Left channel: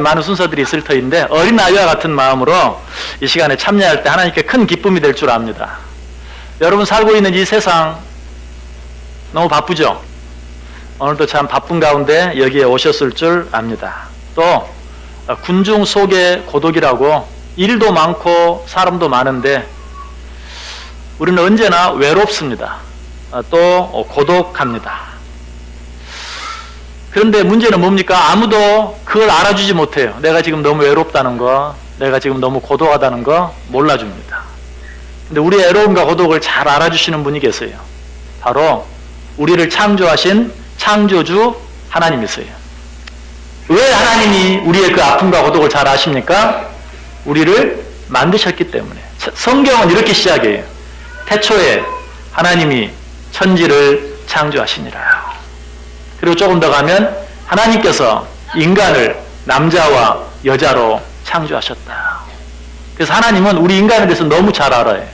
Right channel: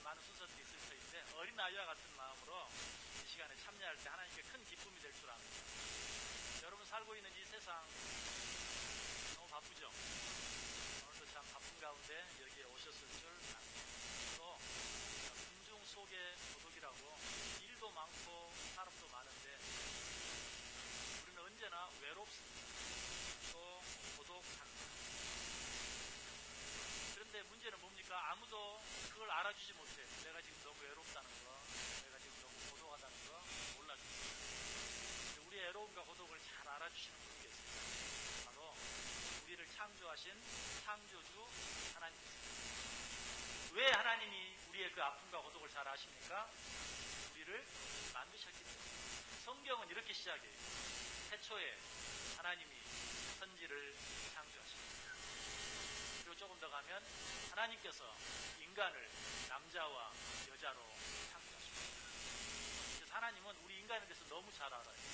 많은 순서들이 있을 터인데 어린 아이와 같은 마음으로 이 시간에 참여할 때 하나님께 큰 기쁨이 될 줄 압니다. 여러분 살고 있는 이 세상 너무 바쁘죠? 오늘도 참 바쁜 가운데 여기에 오셨을 줄 압니다. 또 군중 속의 고독이라고 일도 많고 사람도 많은데 우리는 언제나 외롭습니다. 또 고독합니다. 그런데 문제는 뭡니까? 아무도 그걸 알아주지 못해요. 내가 지금 너무 외롭다는 거, 내가 지금 너무 고독하다는 거 몰라줍니다. 근데 우리의 외로움과 고독을 잘 알아주시는 분이 계세요. 바로 우리를 창조하신 창조주 하나님이세요. 왜 하나님이 우리의 그 아픔과 고독을 잘 아십니까? 우리를 만드셨기 때문에. 성경은 이렇게 시작해요. 태초에 하나님이 천지를 창조하시니라. 그리고 조금 더 가면 하나님께서 인간을 남자와 여자로 창조하셨다. 그래서 하나님은 우리 인간에 대해서 너무 잘 알아요.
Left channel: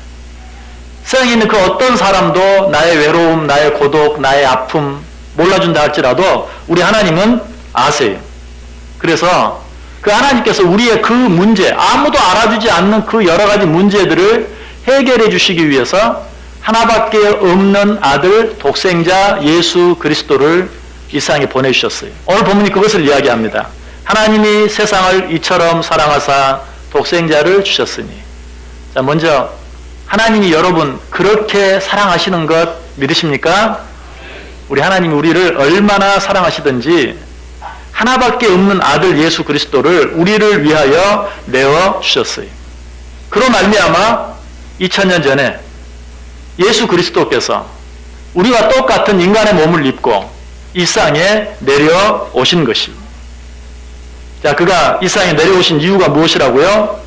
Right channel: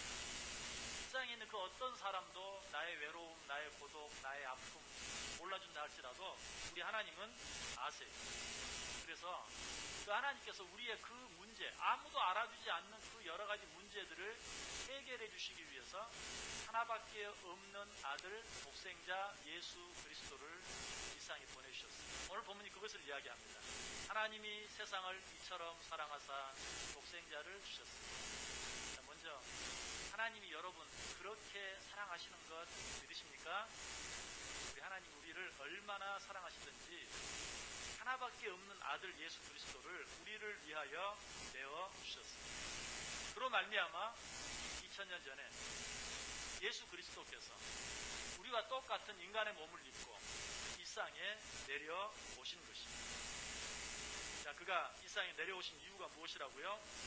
세상에 있는 그 어떤 사람도 나의 외로움, 나의 고독, 나의 아픔 몰라준다 할지라도 우리 하나님은 아세요. 그래서 그 하나님께서 우리의 그 문제, 아무도 알아주지 않는 그 여러 가지 문제들을 해결해 주시기 위해서 하나밖에 없는 아들 독생자 예수 그리스도를 이 세상에 보내주셨어요. 오늘 본문이 그것을 이야기합니다. 하나님이 세상을 이처럼 사랑하사 독생자를 주셨으니. 자, 먼저 하나님이 여러분 그렇게 사랑하시는 것 믿으십니까? 우리 하나님이 우리를 얼마나 사랑하시든지 하나밖에 없는 아들 예수 그리스도를 우리를 위하여 내어 주셨어요. 그로 말미암아 2000년 전에 예수 그리스도께서 우리와 똑같은 인간의 몸을 입고 이 세상에 내려오신 것입니다. 자, 그가 이 세상에 내려오신 이유가 무엇이라고요?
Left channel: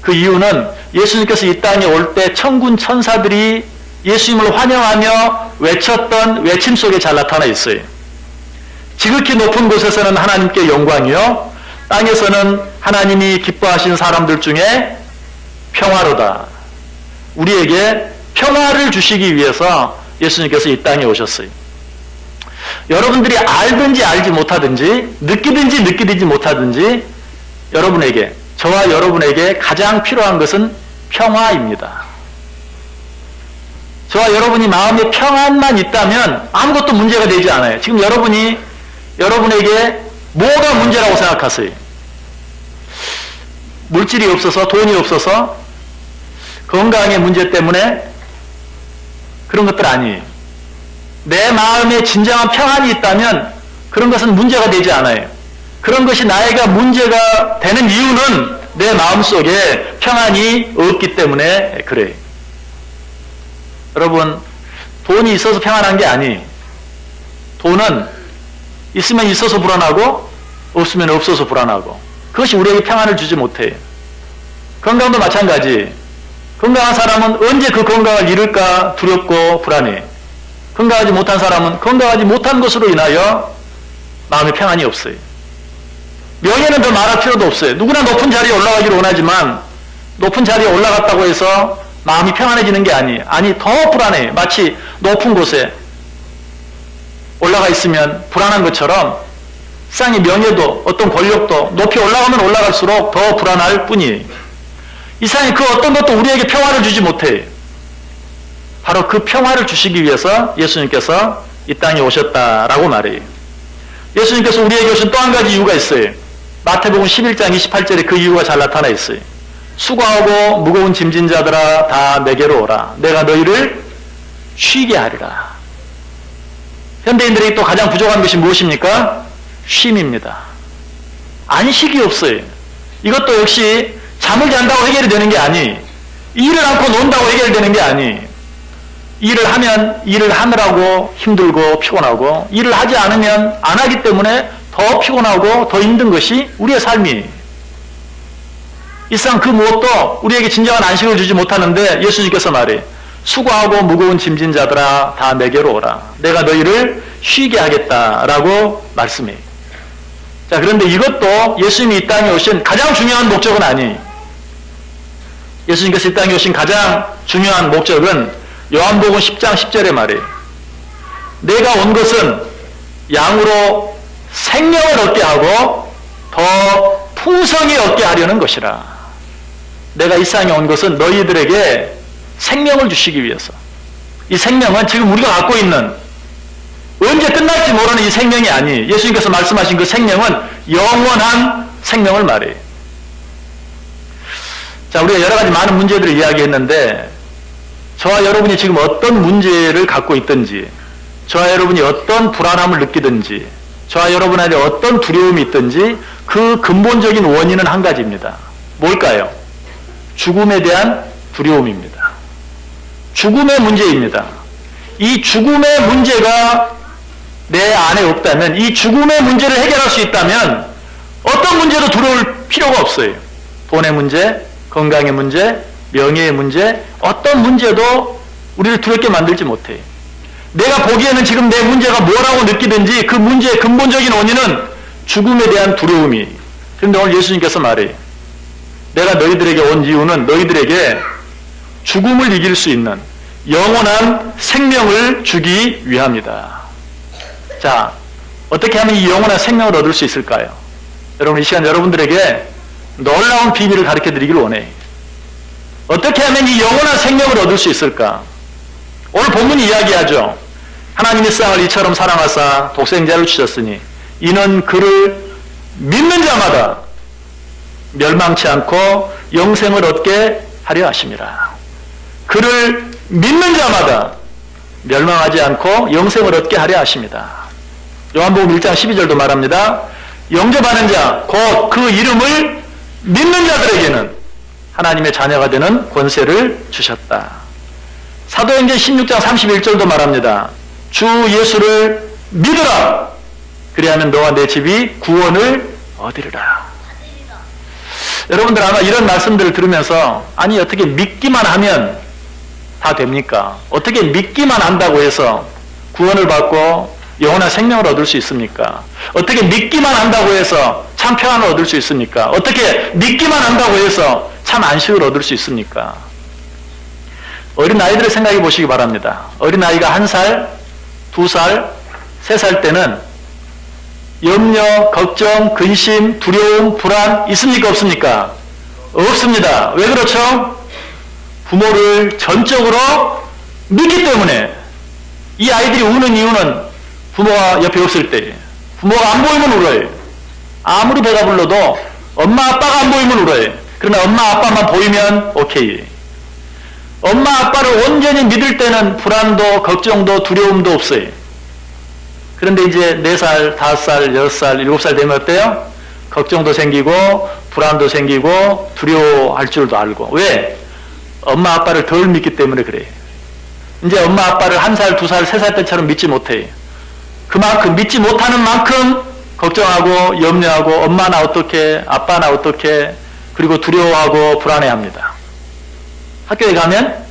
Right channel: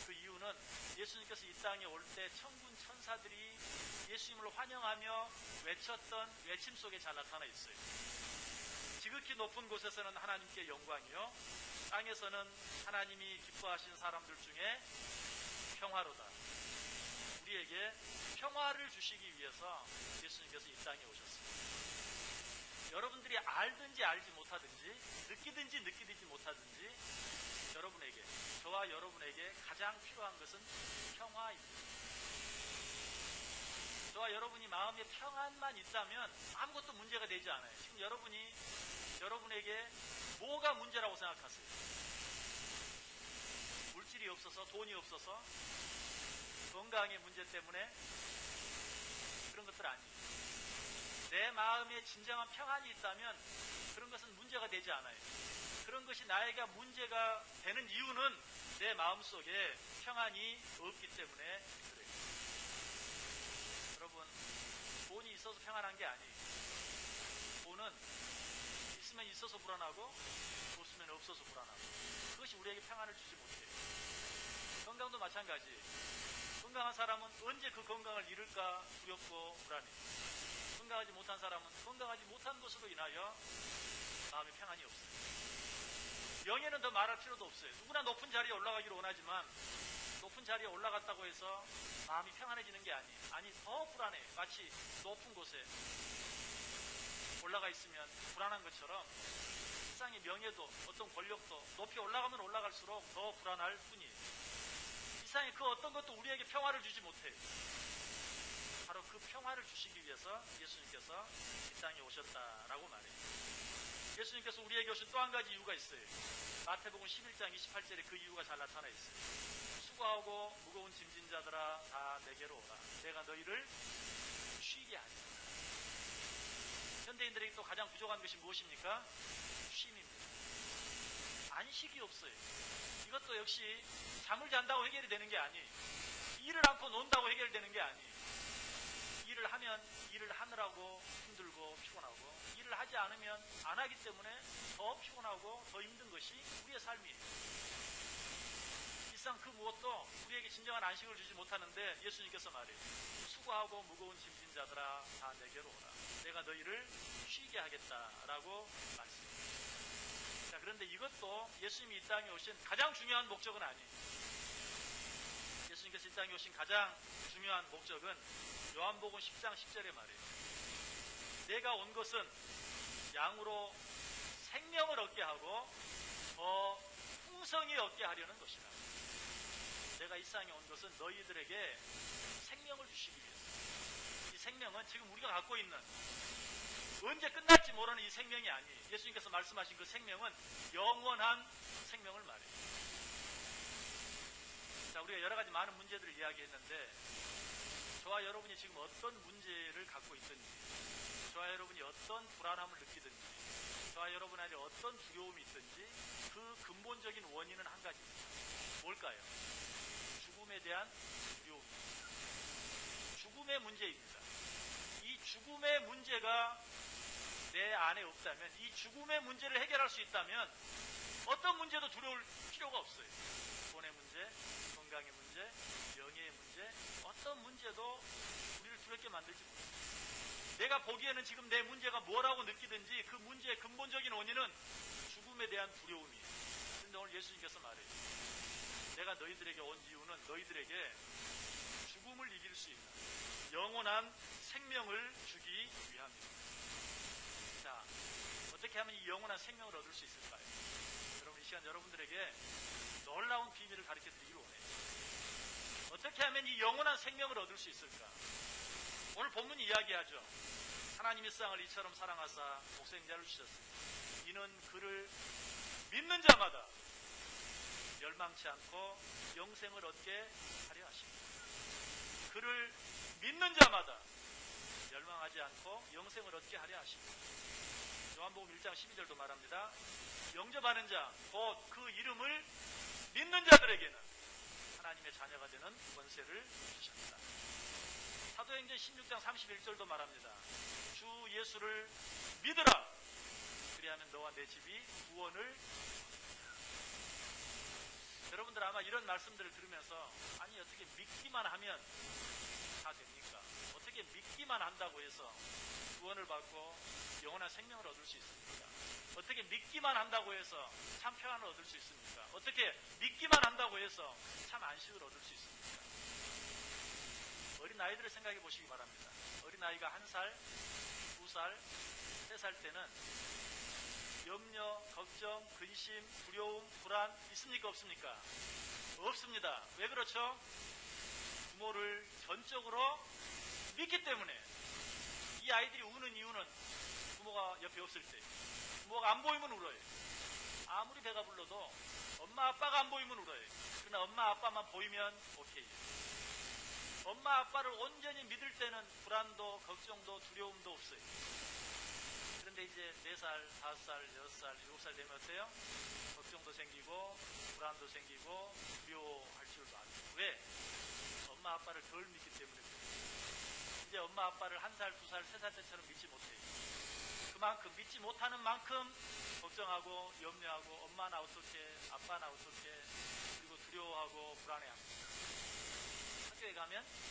그 이유는 예수님께서 이 땅에 올 때 천군 천사들이 예수님을 환영하며 외쳤던 외침 속에 잘 나타나 있어요. 지극히 높은 곳에서는 하나님께 영광이요, 땅에서는 하나님이 기뻐하신 사람들 중에 평화로다. 우리에게 평화를 주시기 위해서 예수님께서 이 땅에 오셨어요. 여러분들이 알든지 알지 못하든지 느끼든지 느끼지 못하든지 여러분에게, 저와 여러분에게 가장 필요한 것은 평화입니다. 저와 여러분이 마음에 평안만 있다면 아무것도 문제가 되지 않아요. 지금 여러분에게 뭐가 문제라고 생각하세요? 물질이 없어서, 돈이 없어서, 건강의 문제 때문에 그런 것들 아니에요. 내 마음에 진정한 평안이 있다면 그런 것은 문제가 되지 않아요. 그런 것이 나에게 문제가 되는 이유는 내 마음속에 평안이 없기 때문에 그래요. 여러분, 돈이 있어서 평안한 게 아니에요. 돈은 있으면 있어서 불안하고 없으면 없어서 불안하고, 그것이 우리에게 평안을 주지 못해요. 건강도 마찬가지. 건강한 사람은 언제 그 건강을 잃을까 두렵고 불안해요. 건강하지 못한 사람은 건강하지 못한 것으로 인하여 마음에 평안이 없어요. 명예는 더 말할 필요도 없어요. 누구나 높은 자리에 올라가기를 원하지만 높은 자리에 올라갔다고 해서 마음이 평안해지는 게 아니에요. 아니, 더 불안해요. 마치 높은 곳에 올라가 있으면 불안한 것처럼 세상의 명예도 어떤 권력도 높이 올라가면 올라갈수록 더 불안할 뿐이에요. 이 세상에 그 어떤 것도 우리에게 평화를 주지 못해요. 바로 그 평화를 주시기 위해서 예수님께서 이 땅에 오셨다라고 말해요. 예수님께서 우리에게 오신 또 한 가지 이유가 있어요. 마태복음 11장 28절에 그 이유가 잘 나타나 있어요. 수고하고 무거운 짐진 자들아 다 내게로 오라. 내가 너희를 쉬게 하리라. 현대인들에게 또 가장 부족한 것이 무엇입니까? 쉼입니다. 안식이 없어요. 이것도 역시 잠을 잔다고 해결이 되는 게 아니에요. 일을 않고 논다고 해결되는 게 아니에요. 일을 하면 일을 하느라고 힘들고 피곤하고, 일을 하지 않으면 안 하기 때문에 더 피곤하고 더 힘든 것이 우리의 삶이에요. 이 세상 그 무엇도 우리에게 진정한 안식을 주지 못하는데 예수님께서 말해요. 수고하고 무거운 짐진 자들아 다 내게로 오라. 내가 너희를 쉬게 하겠다라고 말씀해요. 자, 그런데 이것도 예수님이 이 땅에 오신 가장 중요한 목적은 아니에요. 예수님께서 이 땅에 오신 가장 중요한 목적은 요한복음 10장 10절에 말해요. 내가 온 것은 양으로 생명을 얻게 하고 더 풍성히 얻게 하려는 것이라. 내가 이 세상에 온 것은 너희들에게 생명을 주시기 위해서. 이 생명은 지금 우리가 갖고 있는 언제 끝날지 모르는 이 생명이 아니, 예수님께서 말씀하신 그 생명은 영원한 생명을 말해요. 자, 우리가 여러 가지 많은 문제들을 이야기했는데, 저와 여러분이 지금 어떤 문제를 갖고 있든지, 저와 여러분이 어떤 불안함을 느끼든지, 저와 여러분한테 어떤 두려움이 있든지, 그 근본적인 원인은 한 가지입니다. 뭘까요? 죽음에 대한 두려움입니다. 죽음의 문제입니다. 이 죽음의 문제가 내 안에 없다면, 이 죽음의 문제를 해결할 수 있다면 어떤 문제도 두려울 필요가 없어요. 돈의 문제, 건강의 문제, 명예의 문제, 어떤 문제도 우리를 두렵게 만들지 못해요. 내가 보기에는 지금 내 문제가 뭐라고 느끼든지 그 문제의 근본적인 원인은 죽음에 대한 두려움이. 그런데 오늘 예수님께서 말해요. 내가 너희들에게 온 이유는 너희들에게 죽음을 이길 수 있는 영원한 생명을 주기 위함이다. 자, 어떻게 하면 이 영원한 생명을 얻을 수 있을까요? 여러분, 이 시간 여러분들에게 놀라운 비밀을 가르쳐 드리기를 원해요. 어떻게 하면 이 영원한 생명을 얻을 수 있을까? 오늘 본문이 이야기하죠. 하나님이 세상을 이처럼 사랑하사 독생자를 주셨으니 이는 그를 믿는 자마다 멸망치 않고 영생을 얻게 하려 하심이라. 그를 믿는 자마다 멸망하지 않고 영생을 얻게 하려 하십니다. 요한복음 1장 12절도 말합니다. 영접하는 자, 곧 그 이름을 믿는 자들에게는 하나님의 자녀가 되는 권세를 주셨다. 사도행전 16장 31절도 말합니다. 주 예수를 믿으라. 그리하면 너와 내 집이 구원을 얻으리라. 여러분들 아마 이런 말씀들을 들으면서 아니 어떻게 믿기만 하면 다 됩니까? 어떻게 믿기만 한다고 해서 구원을 받고 영원한 생명을 얻을 수 있습니까? 어떻게 믿기만 한다고 해서 참 평안을 얻을 수 있습니까? 어떻게 믿기만 한다고 해서 참 안식을 얻을 수 있습니까? 어린 아이들을 생각해 보시기 바랍니다. 어린 아이가 1살, 2살, 3살 때는 염려, 걱정, 근심, 두려움, 불안 있습니까? 없습니까? 없습니다. 왜 그렇죠? 부모를 전적으로 믿기 때문에. 이 아이들이 우는 이유는 부모가 옆에 없을 때, 부모가 안 보이면 울어요. 아무리 배가 불러도 엄마 아빠가 안 보이면 울어요. 그러나 엄마 아빠만 보이면 오케이. 엄마 아빠를 온전히 믿을 때는 불안도 걱정도 두려움도 없어요. 그런데 이제 4살, 5살, 6살, 7살 되면 어때요? 걱정도 생기고 불안도 생기고 두려워할 줄도 알고. 왜? 엄마 아빠를 덜 믿기 때문에 그래요. 이제 엄마 아빠를 1살, 2살, 3살 때처럼 믿지 못해요. 그만큼 믿지 못하는 만큼 걱정하고 염려하고 엄마나 어떻게, 아빠나 어떻게, 그리고 두려워하고 불안해합니다. 학교에 가면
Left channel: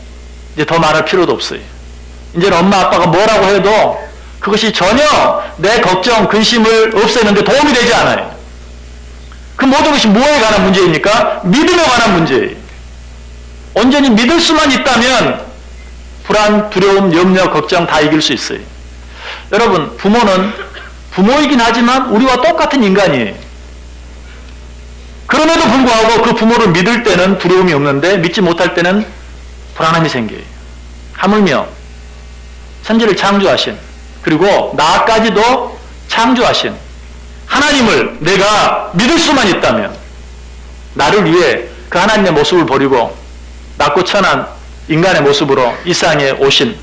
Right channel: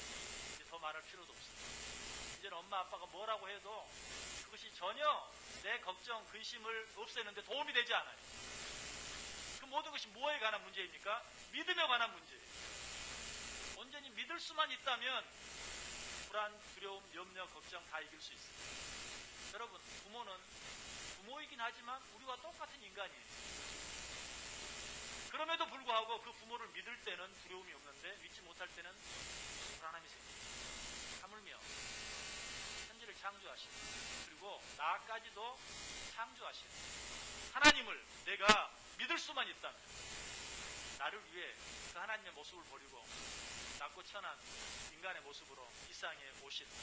이제 더 말할 필요도 없어요. 이제는 엄마 아빠가 뭐라고 해도 그것이 전혀 내 걱정, 근심을 없애는데 도움이 되지 않아요. 그 모든 것이 뭐에 관한 문제입니까? 믿음에 관한 문제예요. 온전히 믿을 수만 있다면 불안, 두려움, 염려, 걱정 다 이길 수 있어요. 여러분, 부모는 부모이긴 하지만 우리와 똑같은 인간이에요. 그럼에도 불구하고 그 부모를 믿을 때는 두려움이 없는데 믿지 못할 때는 불안함이 생겨요. 하물며 천지를 창조하신, 그리고 나까지도 창조하신 하나님을 내가 믿을 수만 있다면 나를 위해 그 하나님의 모습을 버리고 낮고 천한 인간의 모습으로 이 세상에 오신,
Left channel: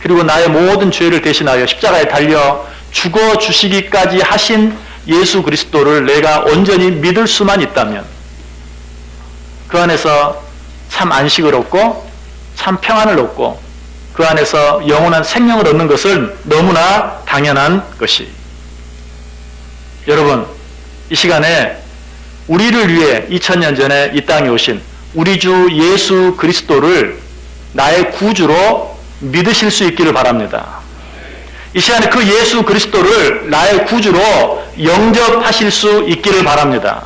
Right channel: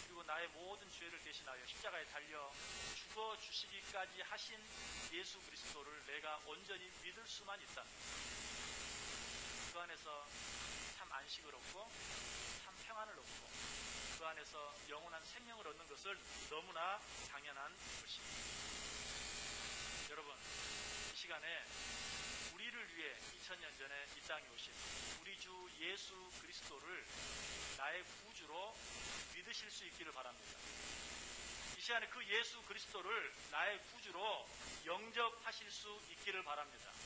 그리고 나의 모든 죄를 대신하여 십자가에 달려 죽어주시기까지 하신 예수 그리스도를 내가 온전히 믿을 수만 있다면 그 안에서 참 안식을 얻고 참 평안을 얻고 그 안에서 영원한 생명을 얻는 것은 너무나 당연한 것이. 여러분, 이 시간에 우리를 위해 2000년 전에 이 땅에 오신 우리 주 예수 그리스도를 나의 구주로 믿으실 수 있기를 바랍니다. 이 시간에 그 예수 그리스도를 나의 구주로 영접하실 수 있기를 바랍니다.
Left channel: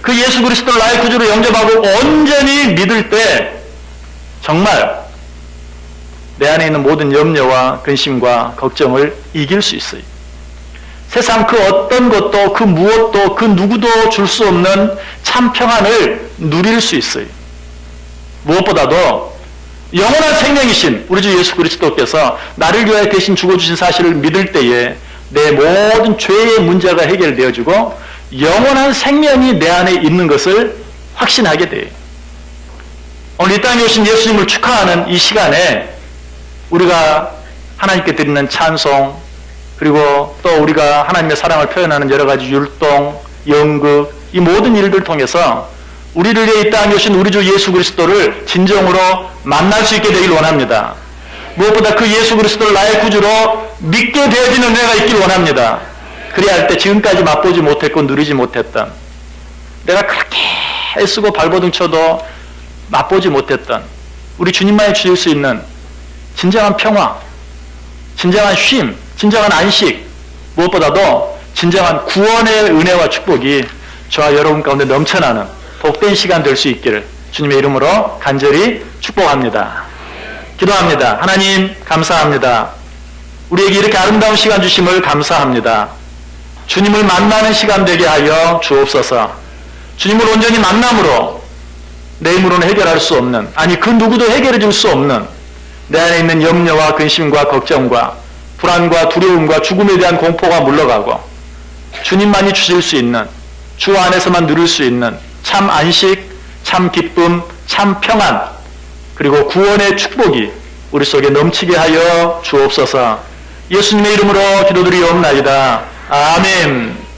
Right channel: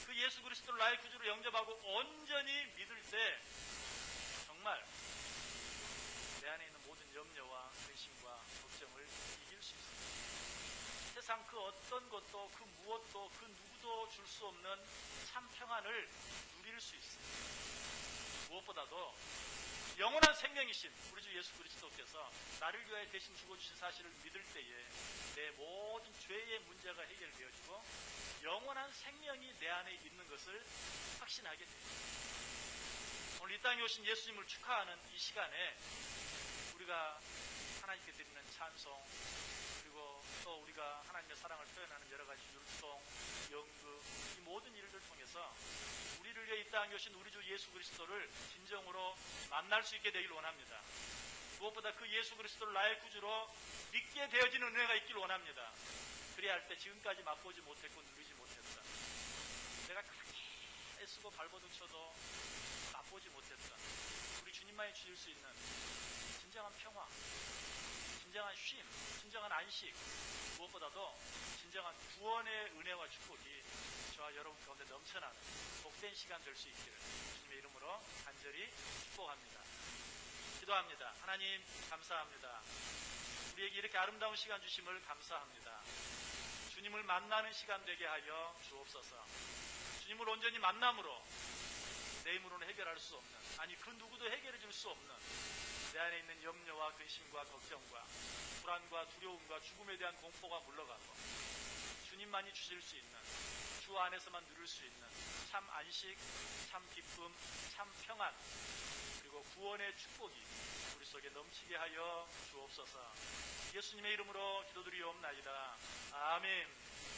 그 예수 그리스도를 나의 구주로 영접하고 온전히 믿을 때 정말 내 안에 있는 모든 염려와 근심과 걱정을 이길 수 있어요. 세상 그 어떤 것도 그 무엇도 그 누구도 줄 수 없는 참 평안을 누릴 수 있어요. 무엇보다도 영원한 생명이신 우리 주 예수 그리스도께서 나를 위하여 대신 죽어주신 사실을 믿을 때에 내 모든 죄의 문제가 해결되어지고 영원한 생명이 내 안에 있는 것을 확신하게 돼요. 오늘 이 땅에 오신 예수님을 축하하는 이 시간에 우리가 하나님께 드리는 찬송, 그리고 또 우리가 하나님의 사랑을 표현하는 여러 가지 율동, 연극, 이 모든 일들을 통해서 우리를 위해 이 땅에 오신 우리 주 예수 그리스도를 진정으로 만날 수 있게 되길 원합니다. 무엇보다 그 예수 그리스도를 나의 구주로 믿게 되어지는 은혜가 있길 원합니다. 그래야 할 때 지금까지 맛보지 못했고 누리지 못했던, 내가 그렇게 애쓰고 발버둥 쳐도 맛보지 못했던 우리 주님만이 주실 수 있는 진정한 평화, 진정한 쉼, 진정한 안식, 무엇보다도 진정한 구원의 은혜와 축복이 저와 여러분 가운데 넘쳐나는 복된 시간 될 수 있기를 주님의 이름으로 간절히 축복합니다. 기도합니다. 하나님 감사합니다. 우리에게 이렇게 아름다운 시간 주심을 감사합니다. 주님을 만나는 시간 되게 하여 주옵소서. 주님을 온전히 만남으로 내 힘으로는 해결할 수 없는, 아니 그 누구도 해결해 줄 수 없는 내 안에 있는 염려와 근심과 걱정과 불안과 두려움과 죽음에 대한 공포가 물러가고 주님만이 주실 수 있는, 주 안에서만 누릴 수 있는 참 안식, 참 기쁨, 참 평안, 그리고 구원의 축복이 우리 속에 넘치게 하여 주옵소서. 예수님의 이름으로 기도드리옵나이다. 아멘.